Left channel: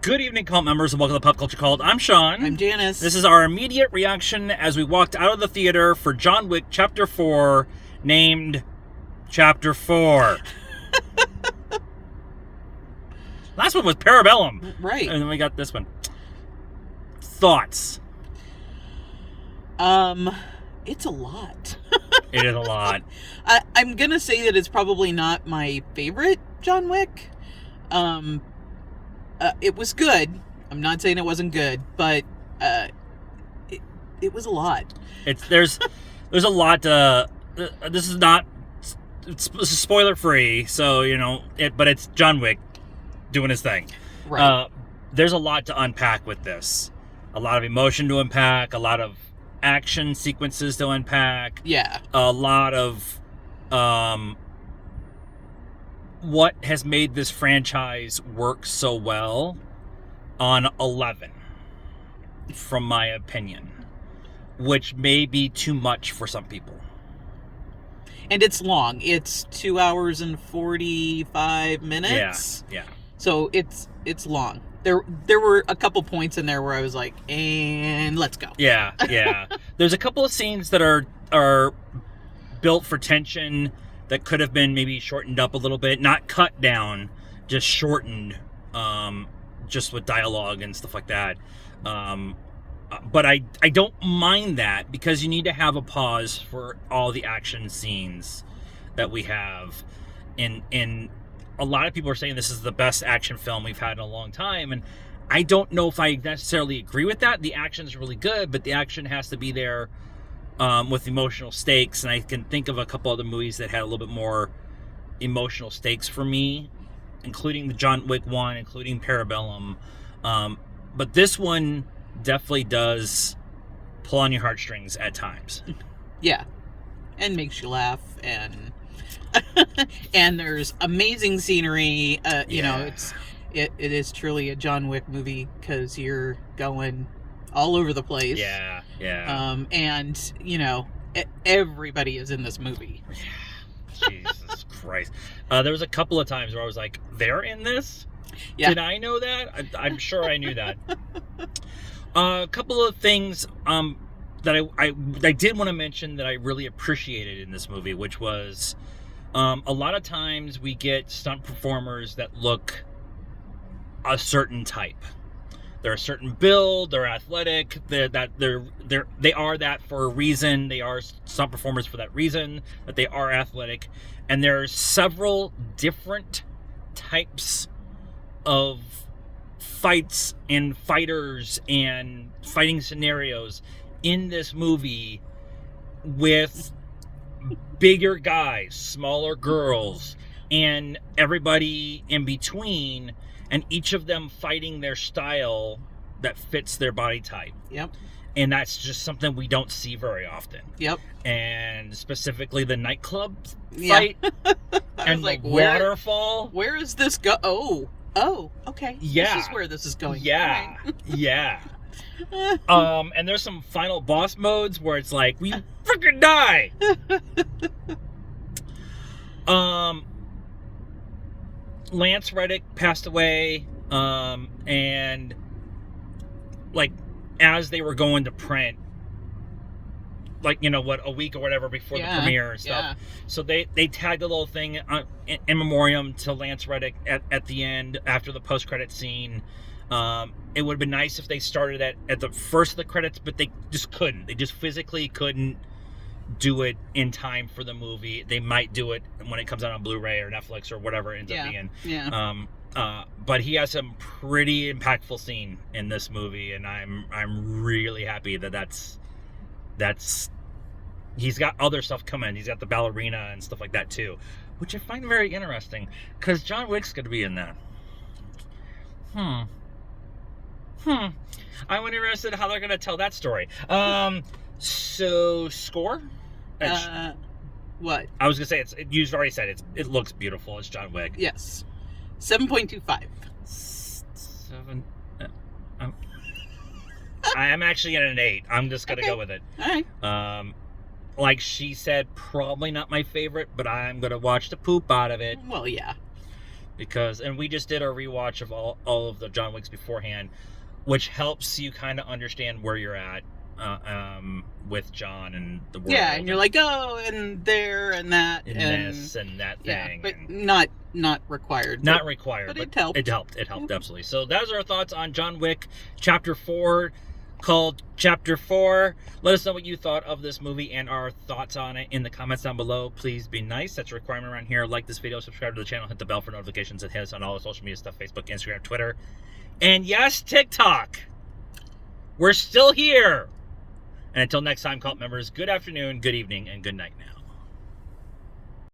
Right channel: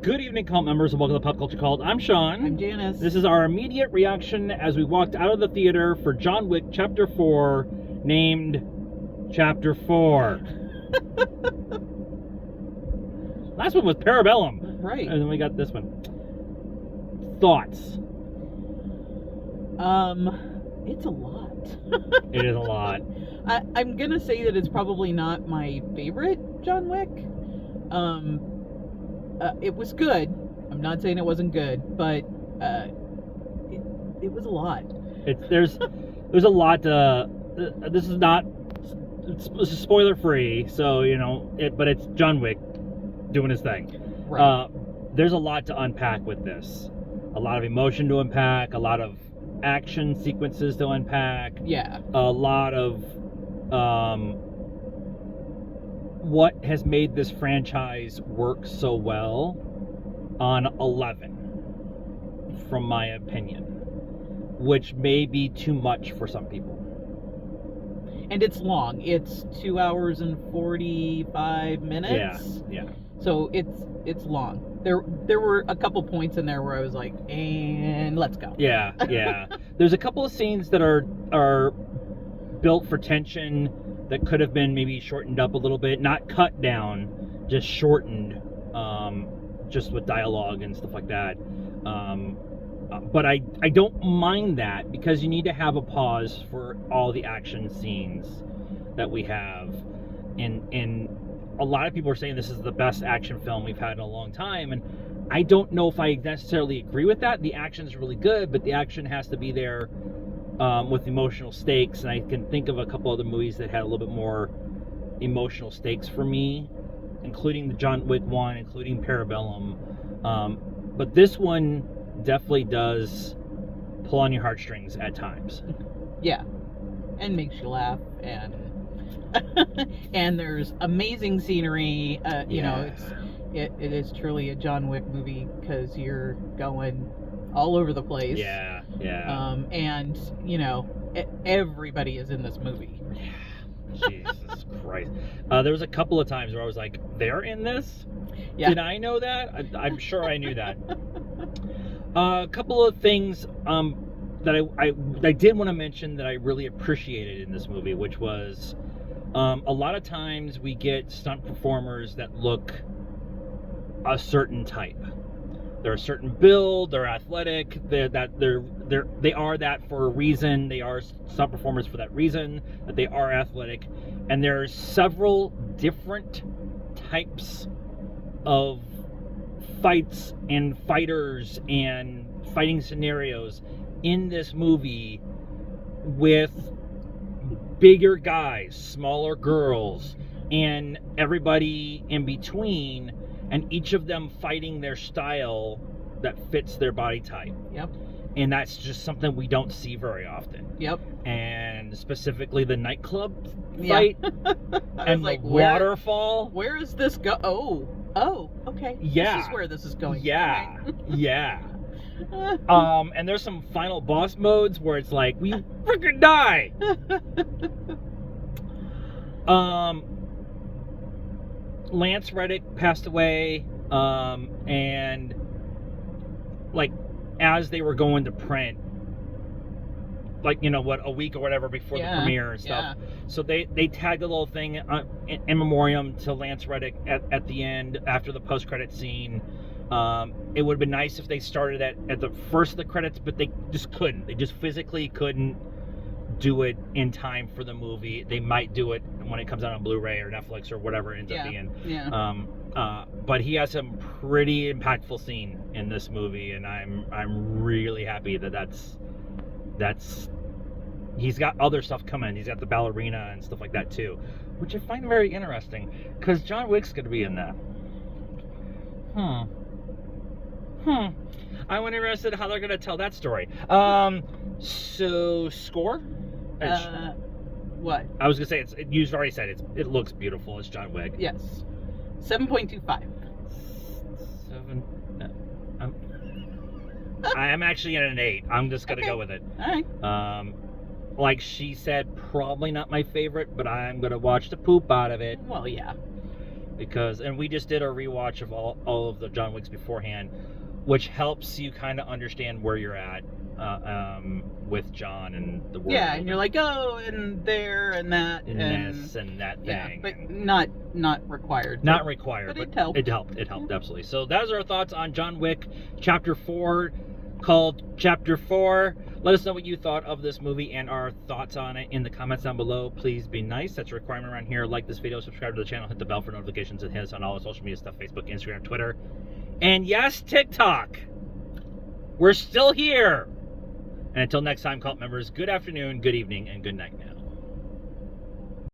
Good evening, cult members, and welcome to Pop Culture Cult. I'm Sean. I'm Janice. This is our immediate reaction as we walked out of the theater for John Wick Chapter 4, named Chapter 4. Last one was Parabellum. Right. And then we got this one. Thoughts? It's a lot. It is a lot. I'm gonna say that it's probably not my favorite John Wick. It was good. I'm not saying it wasn't good, but it was a lot. There's a lot. This is not. It's spoiler free, so but it's John Wick doing his thing. Right. There's a lot to unpack with this. A lot of emotion to unpack. A lot of action sequences to unpack. Yeah. A lot of what has made this franchise work so well on 11, from my opinion, which may be too much for some people. And it's long. It's 2 hours and 45 minutes. Yeah. So it's long. There were a couple points in there where I was like, and let's go. Yeah. There's a couple of scenes that are built for tension that could have been maybe shortened up a little bit, not cut down, just shortened, just with dialogue and stuff like that. But I don't mind that, because you need to have a pause for all the action scenes that we have. And a lot of people are saying this is the best action film we've had in a long time, and I don't know if I necessarily agree with that. The action's really good, but the action has to be there with emotional stakes, and I can think of a couple other movies that had a little bit more emotional stakes for me, including the John Wick one, including Parabellum. But this one definitely does pull on your heartstrings at times. Yeah. And makes you laugh, and and there's amazing scenery. You know, it is truly a John Wick movie, because you're going all over the place. Yeah. And everybody is in this movie. Jesus Christ. There was a couple of times where I was like, they're in this? Yeah. Did I know that? I'm sure I knew that. A couple of things that I did want to mention that I really appreciated in this movie, which was a lot of times we get stunt performers that look a certain type. They're a certain build, they're athletic, they are that for a reason. They are stunt performers for that reason, that they are athletic. And there are several different types of fights and fighters and fighting scenarios in this movie, with bigger guys, smaller girls, and everybody in between, and each of them fighting their style that fits their body type. Yep. And that's just something we don't see very often. Yep. And specifically the nightclub Yeah. fight was and like, the waterfall. Where is this go? Oh, okay. Yeah. This is where this is going. Yeah. Okay. Yeah. And there's some final boss modes where it's like, we freaking die. Lance Reddick passed away, and like as they were going to print, like a week or whatever before the premiere and stuff. Yeah. So they tagged a little thing in memoriam to Lance Reddick at the end, after the post-credit scene. It would have been nice if they started at the first of the credits, but they just couldn't. They just physically couldn't do it in time for the movie. They might do it when it comes out on Blu-ray or Netflix or whatever it ends up being. Yeah. But he has some pretty impactful scene in this movie, and I'm really happy that's he's got other stuff coming. He's got the ballerina and stuff like that too, which I find very interesting, because John Wick's going to be in that. I'm interested how they're going to tell that story. So score? What? I was going to say, you've already said it looks beautiful. It's John Wick. Yes. 7.25. 7. I am actually at an 8. I'm just going to go with it. All right. Like she said, probably not my favorite, but I'm going to watch the poop out of it. Well, yeah. because, and we just did our rewatch of all of the John Wicks beforehand, which helps you kind of understand where you're at with John and the world. Yeah, and you're like, oh, and there and that and this and that thing. Yeah, but not required. Not required. But it helped. It helped, absolutely. So that was our thoughts on John Wick Chapter 4, called Chapter 4. Let us know what you thought of this movie and our thoughts on it in the comments down below. Please be nice. That's a requirement around here. Like this video, subscribe to the channel, hit the bell for notifications, and hit us on all the social media stuff, Facebook, Instagram, Twitter, and yes, TikTok. We're still here. And until next time, cult members, good afternoon, good evening, and good night now.